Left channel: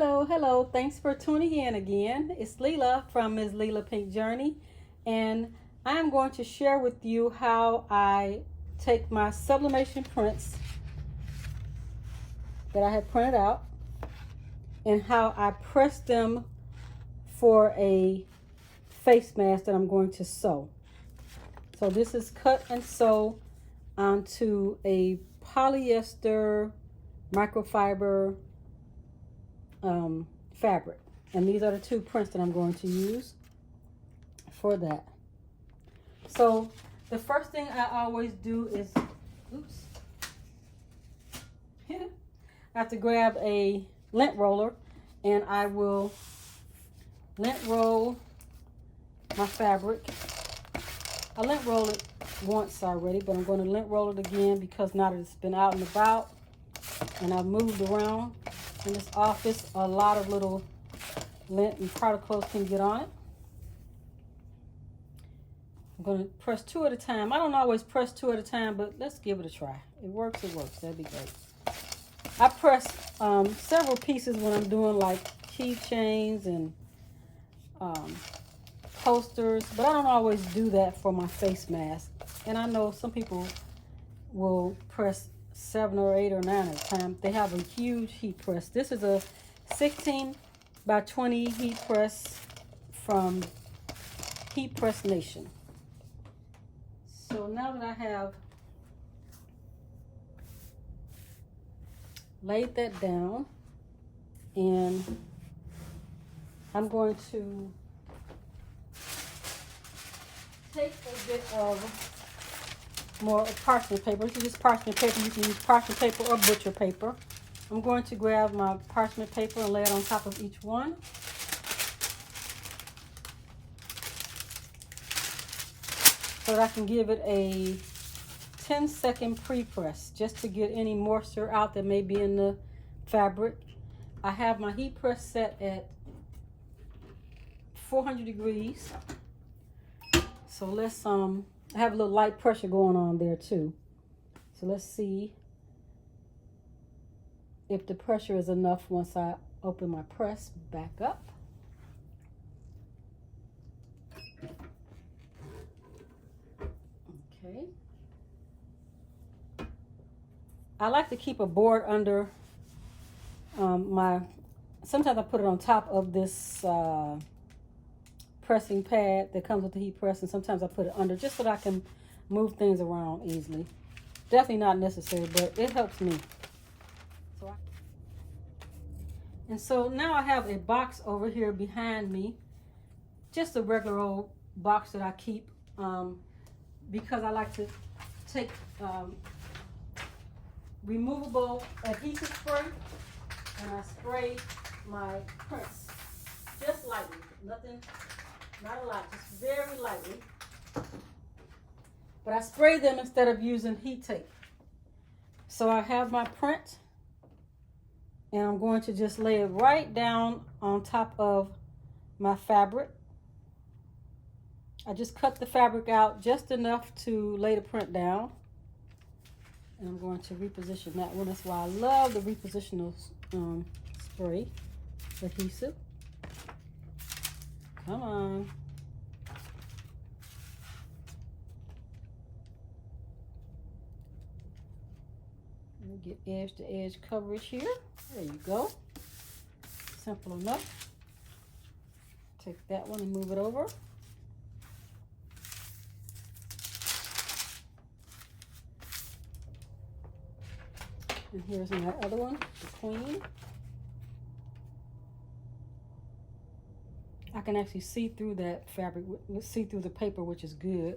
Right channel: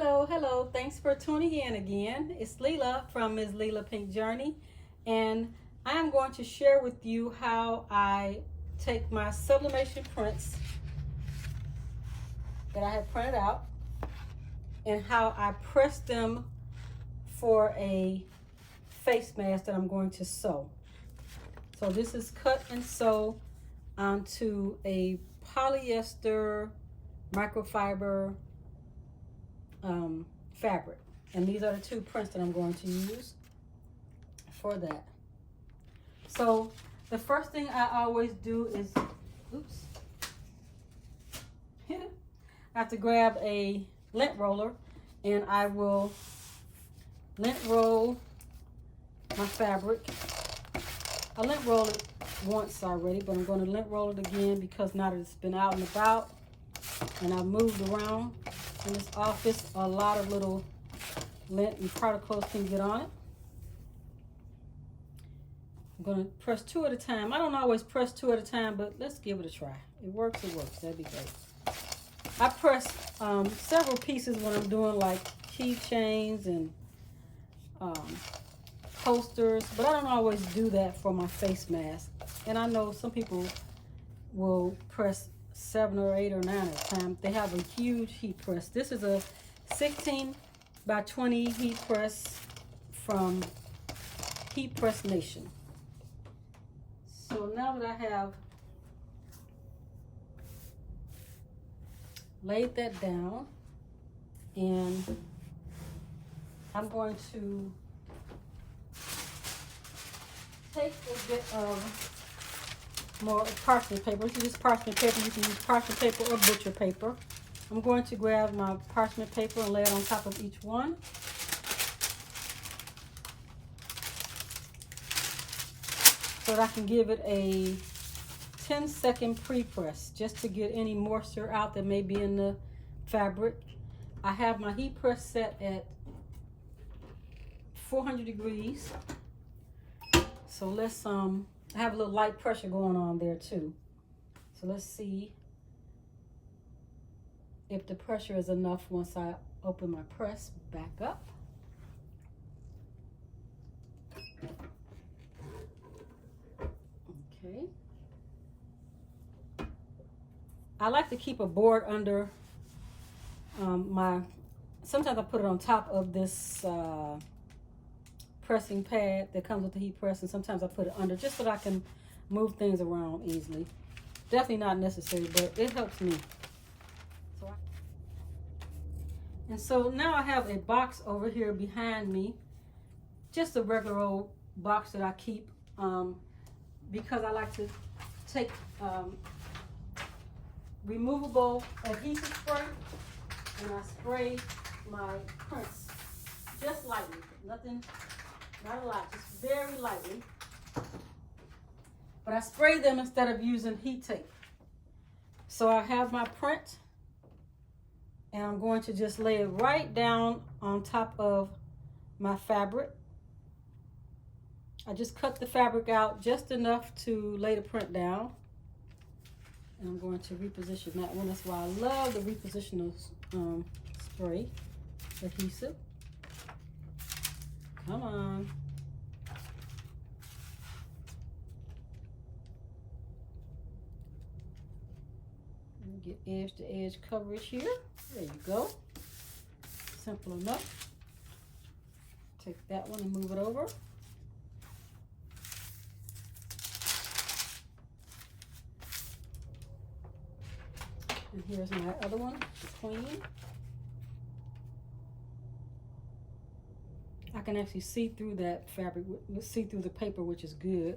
Hello, hello. Thanks for tuning in again. It's Leela from Ms. Leela Pink Journey, and I'm going to share with you how I take my sublimation prints that I have printed out and how I press them for a face mask that I'm going to sew. So this is cut and sew onto a polyester microfiber fabric, and these are the two prints that I'm going to use for that. So the first thing I always do is, I have to grab a lint roller, and I will lint roll my fabric. I lint roll it once already, but I'm going to lint roll it again because now that it's been out and about and I've moved around in this office, a lot of little lint and particles can get on it. I'm going to press two at a time. I don't always press two at a time, but let's give it a try. It works, it works. That'd be great. I press several pieces when I'm doing like keychains and posters, but I don't always do that for my face mask. And I know some people will press 7 or 8 or 9 at a time. They have a huge heat press. This is a 16 by 20 heat press from Heat Press Nation. So now that I have laid that down, and I'm going to take a bit of more parchment paper. This is just parchment paper. You can use parchment paper or butcher paper. I'm going to grab my parchment paper and lay it on top of each one. So that I can give it a 10-second pre-press just to get any moisture out that may be in the fabric. I have my heat press set at 400 degrees. So let's I have a little light pressure going on there too. So let's see if the pressure is enough once I open my press back up. Okay. I like to keep a board under sometimes I put it on top of this pressing pad that comes with the heat press, and sometimes I put it under just so that I can move things around easily. Definitely not necessary, but it helps me. So now I have a box over here behind me, just a regular old box that I keep because I like to take removable adhesive spray, and I spray my prints just lightly, nothing. Not a lot, just very lightly. But I spray them instead of using heat tape. So I have my print, and I'm going to just lay it right down on top of my fabric. I just cut the fabric out just enough to lay the print down. And I'm going to reposition that one. That's why I love the repositional spray adhesive. Come on. Get edge to edge coverage here. There you go. Simple enough. Take that one and move it over. And here's my other one, the queen. I can actually see through that fabric, see through the paper, which is good.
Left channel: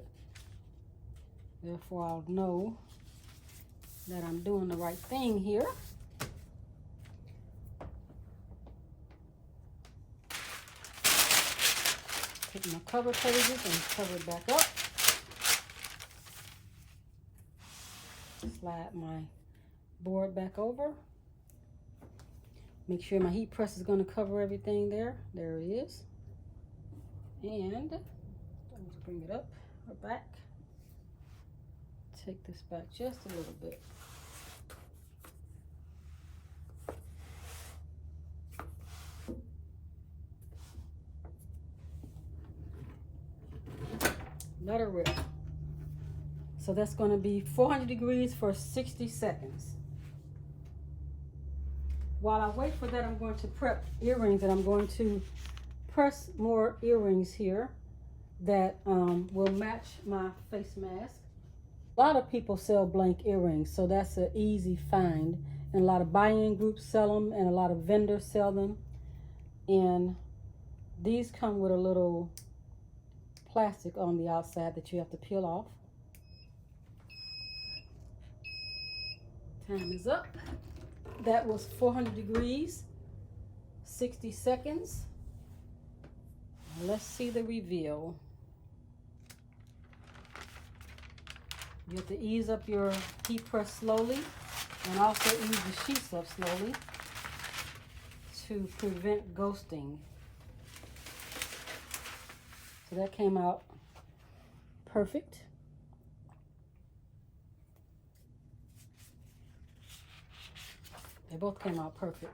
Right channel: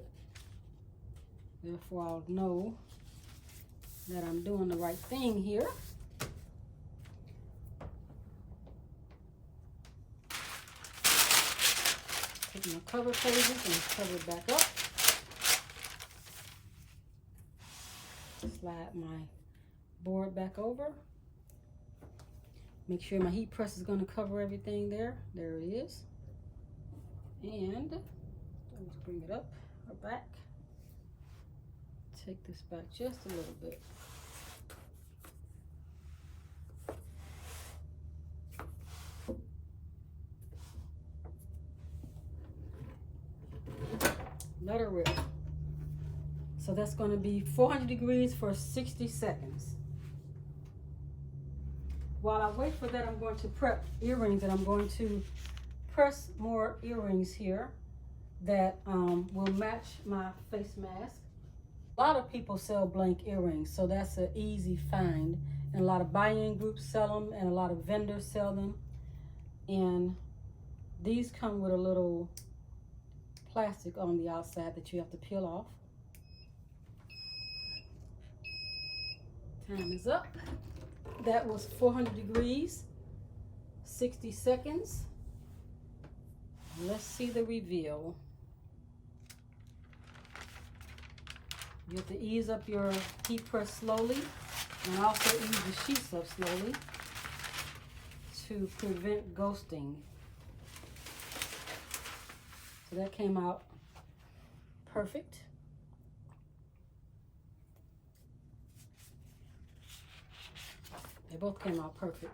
Therefore, I'll know that I'm doing the right thing here. Take my cover pages and cover it back up. Slide my board back over. Make sure my heat press is going to cover everything there. There it is. And let's bring it up or back. Take this back just a little bit. Let her rip. So that's going to be 400 degrees for 60 seconds. While I wait for that, I'm going to prep earrings, and I'm going to press more earrings here that will match my face mask. A lot of people sell blank earrings, so that's an easy find. And a lot of buy-in groups sell them, and a lot of vendors sell them. And these come with a little plastic on the outside that you have to peel off. Time is up. That was 400 degrees, 60 seconds. Let's see the reveal. You have to ease up your heat press slowly, and also ease the sheets up slowly to prevent ghosting. So that came out perfect. They both came out perfect.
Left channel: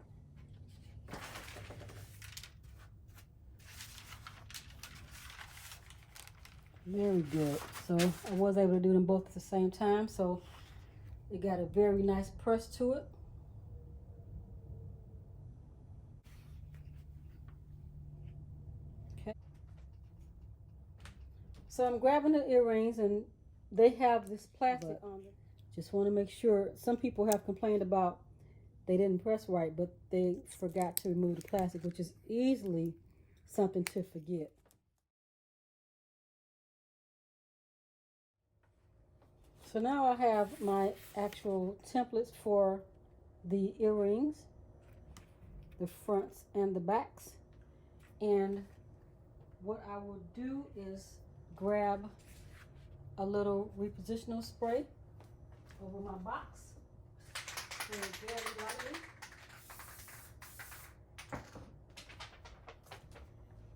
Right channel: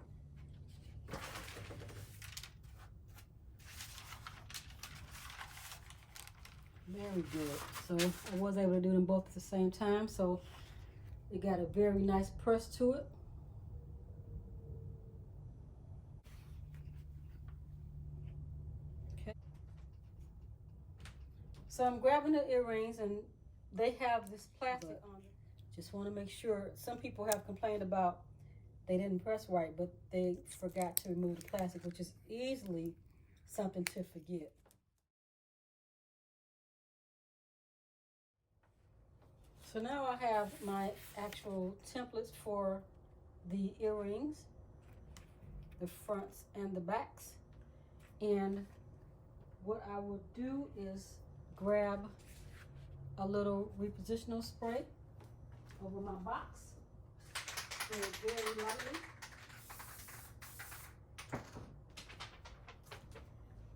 Very good. So I was able to do them both at the same time, so it got a very nice press to it. Okay. So I'm grabbing the earrings, and they have this plastic on them. Just want to make sure. Some people have complained about they didn't press right, but they forgot to remove the plastic, which is easily something to forget. So now I have my actual templates for the earrings, the fronts and the backs. And what I will do is grab a little repositional spray over my box, very lightly.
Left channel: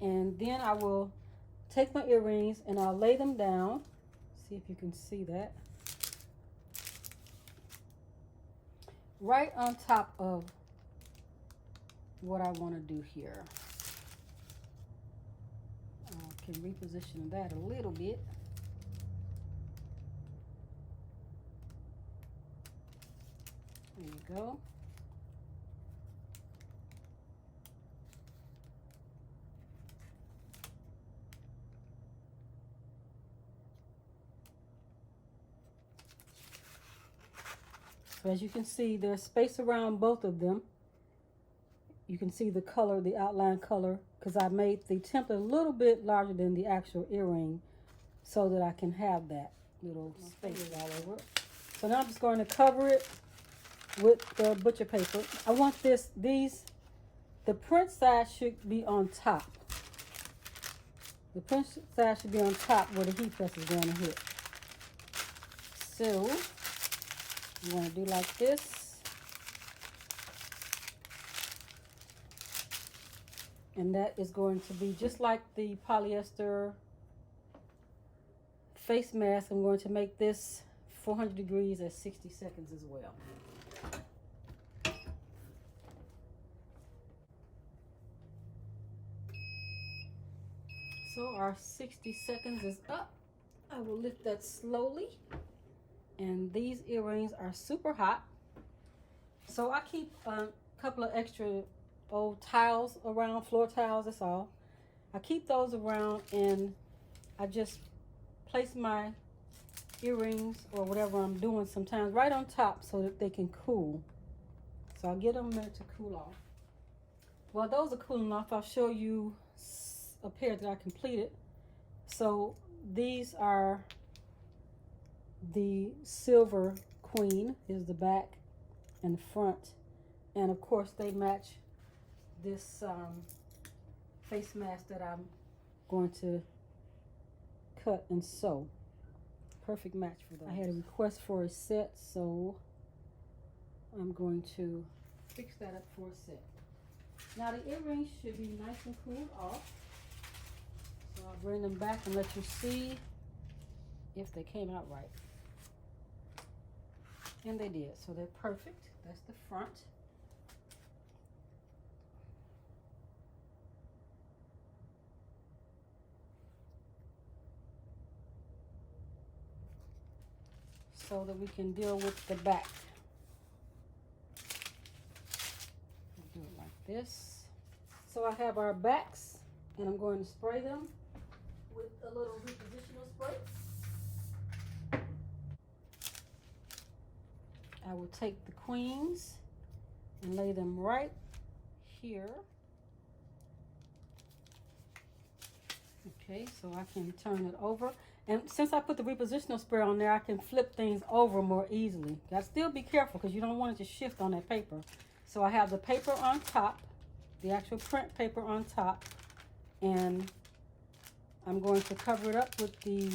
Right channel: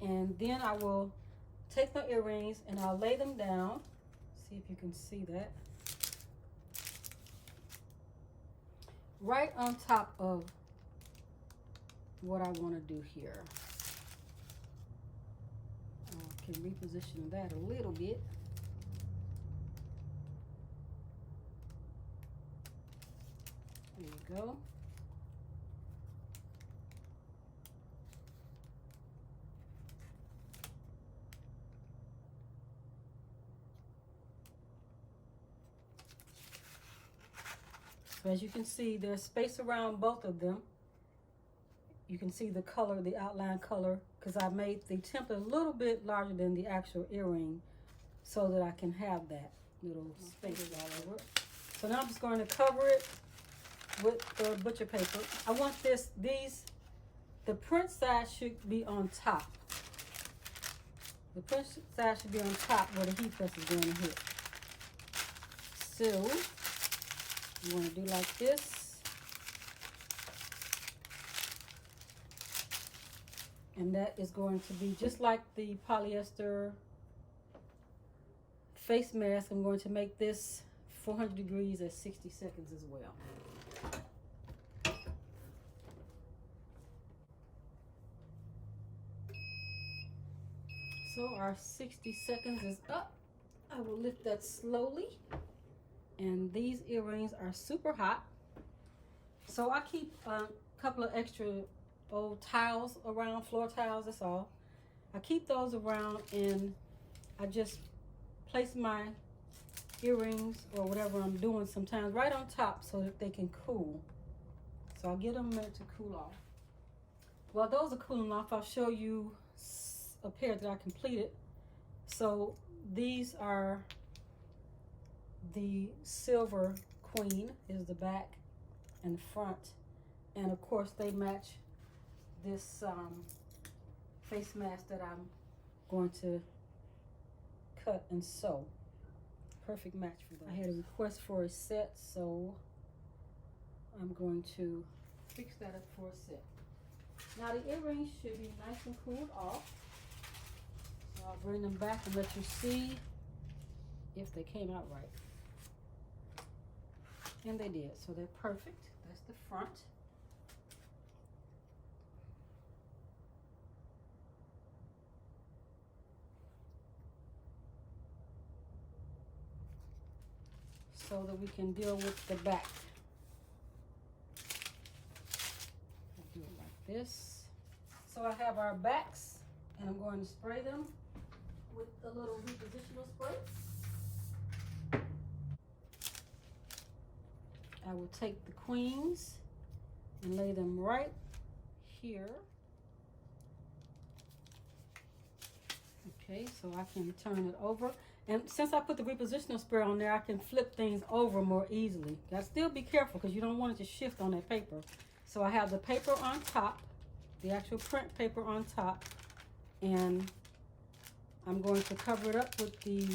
And then I will take my earrings and I'll lay them down. See if you can see that. Right on top of what I want to do here. I can reposition that a little bit. There you go. So as you can see, there's space around both of them. You can see the color, the outline color, because I made the template a little bit larger than the actual earring so that I can have that little space all over it. So now I'm just going to cover it with the butcher paper. I want the print side should be on top. The print side should be on top where the heat press is going to hit. So you want to do like this. And that is going to be just like the polyester face mask. I'm going to make this 400 degrees at 60 seconds as well. So our 60 seconds is up. I will lift that slowly. And these earrings are super hot. So I keep a couple of extra old tiles around, floor tiles, that's all. I keep those around, and I just place my earrings or whatever I'm doing sometimes right on top so that they can cool. So I'll get them a minute to cool off. While those are cooling off, I'll show you a pair that I completed. So these are the Silver Queen, is the back and front, and of course they match this face mask that I'm going to cut and sew. Perfect match for those. I had a request for a set, so I'm going to fix that up for a set. Now the earrings should be nice and cooled off. So I'll bring them back and let you see if they came out right. And they did, so they're perfect. That's the front. so that we can deal with the back. Do it like this. So I have our backs, and I'm going to spray them with a little repositional spray. I will take the queens and lay them right here. Okay, so I can turn it over. And since I put the repositional spray on there, I can flip things over more easily. Gotta still be careful because you don't want it to shift on that paper. So I have the paper on top, the actual print paper on top, and I'm going to cover it up with the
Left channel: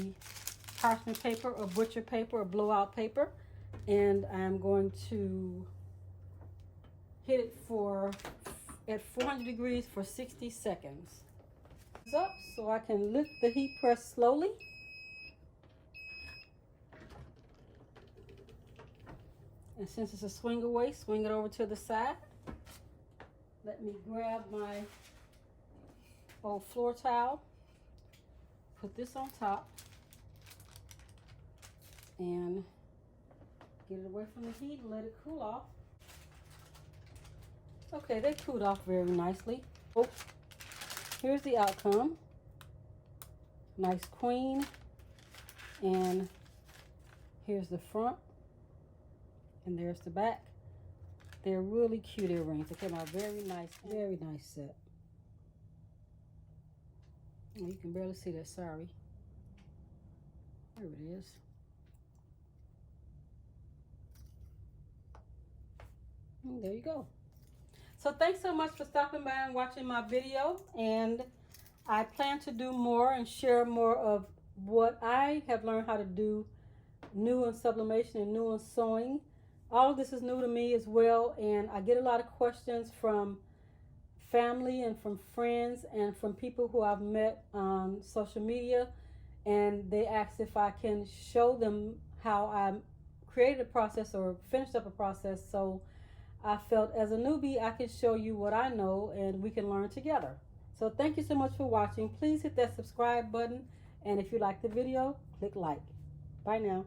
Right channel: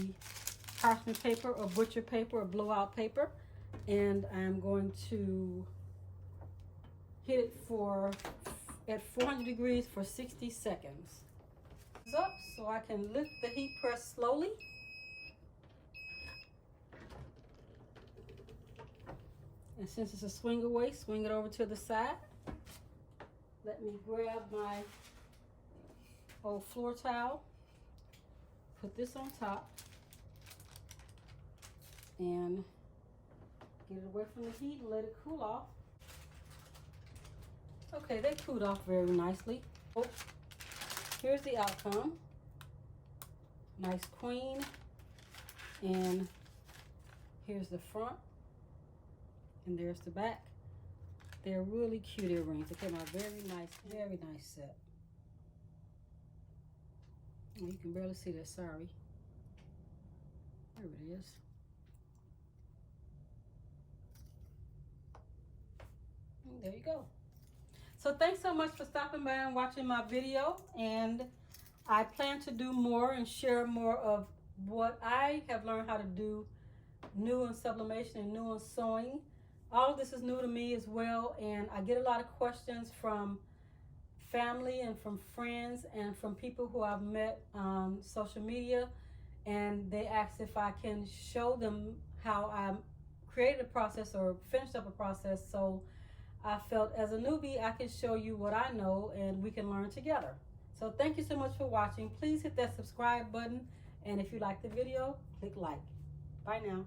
parchment paper or butcher paper or blowout paper, and I'm going to hit it at 400 degrees for 60 seconds. Up so I can lift the heat press slowly. And since it's a swing away, swing it over to the side. Let me grab my old floor towel, put this on top, and get it away from the heat and let it cool off. Okay, they cooled off very nicely. Oh, here's the outcome. Nice queen, and here's the front, and there's the back. They're really cute earrings. They came out very nice set. Oh, you can barely see that, sorry. There it is. And there you go. So thanks so much for stopping by and watching my video, and I plan to do more and share more of what I have learned how to do new in sublimation and new in sewing. All of this is new to me as well, and I get a lot of questions from family and from friends and from people who I've met on social media, and they ask if I can show them how I created a process or finished up a process. So I felt as a newbie I could show you what I know and we can learn together. So thank you so much for watching. Please hit that subscribe button, and if you like the video, click like. Bye now.